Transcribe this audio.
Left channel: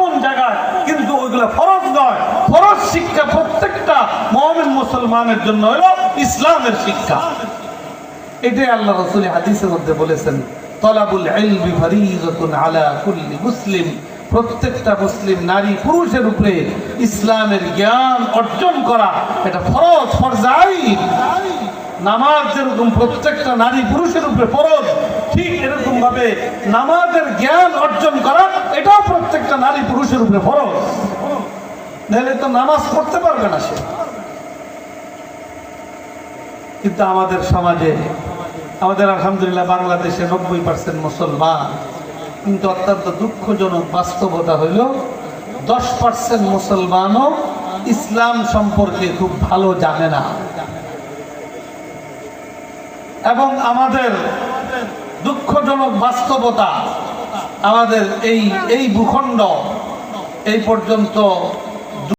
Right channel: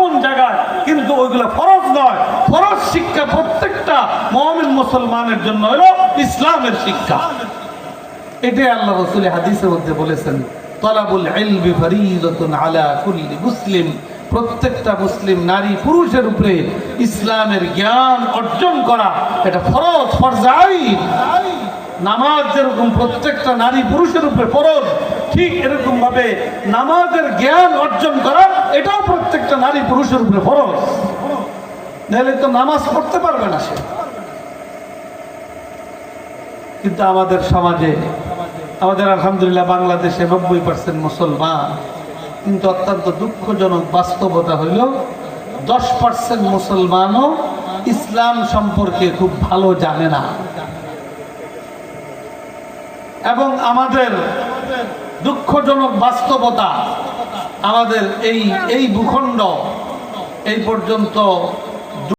আপন জায়গায় কিন্তু ওইগুলো ফরজ নয়। ফরজ শিক্ষা প্রত্যেকটা মমিন মুসলমানের জন্য হলো ইসলামের শিক্ষা। এটাই আল্লাহ রসুল হাদিসের মধ্যে বলেছেন মুসলিম। প্রত্যেকটা মুসলিম নারী পুরুষের উপরে ইসলামের জ্ঞান অর্জন করা, এটা ফরজ ফরজাই নামাজ যেরকম প্রত্যেকটা নারী পুরুষের উপরে ফরজ, ঠিক এরকম ভাবে নামাজের জ্ঞান অর্জন করা, এটাও প্রত্যেকটা নারী পুরুষের উপরে ফরজ নাহলে তো নামাজ পড়তে পারবে না সে। কিন্তু আমাদের সমাজে, আমাদের আলহামদুলিল্লাহ বাংলাদেশে নব্বই পার্সেন্ট মুসলমান। কিন্তু অত্যন্ত দুঃখজনক বাস্তবতা হইল, দশ পার্সেন্ট মুসলমানও ইসলাম সম্পর্কে খুব ভালো জানে না। এবং আমাদের দুঃখজনক বাস্তবতা আমাদের এই এই ভূখণ্ড এই পর্যন্ত